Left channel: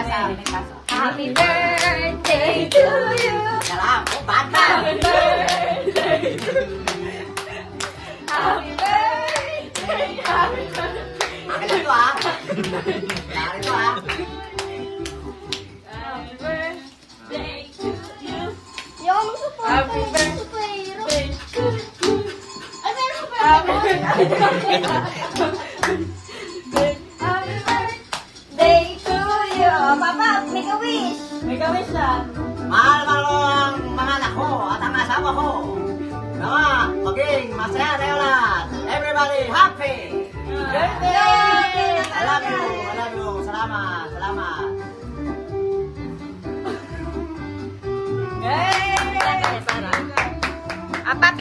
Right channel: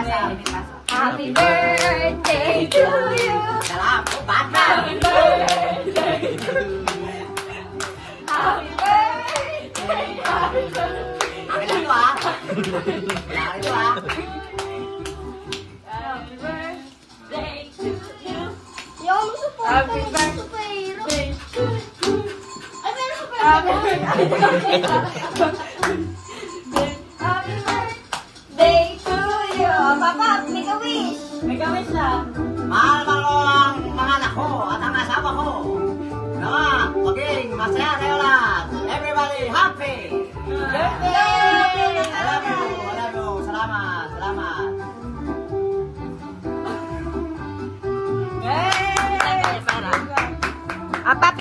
Happy birthday to you. Salam, bata. Happy birthday to you. Happy birthday. Happy birthday. Magaling ko ah. Magaling ko ah. Happy birthday to you. Yung Happy birthday to you. Ay, meron pa. Happy birthday. Happy birthday to you. Papa, make a wish. May gawin siya. Mahal ko ang mga anak ko at ang asawa ko. Nawa, maging masaya tayo lahat. Everybody happy. Yay! I love you. I love you. Salamat. Salamat. Yay! Apat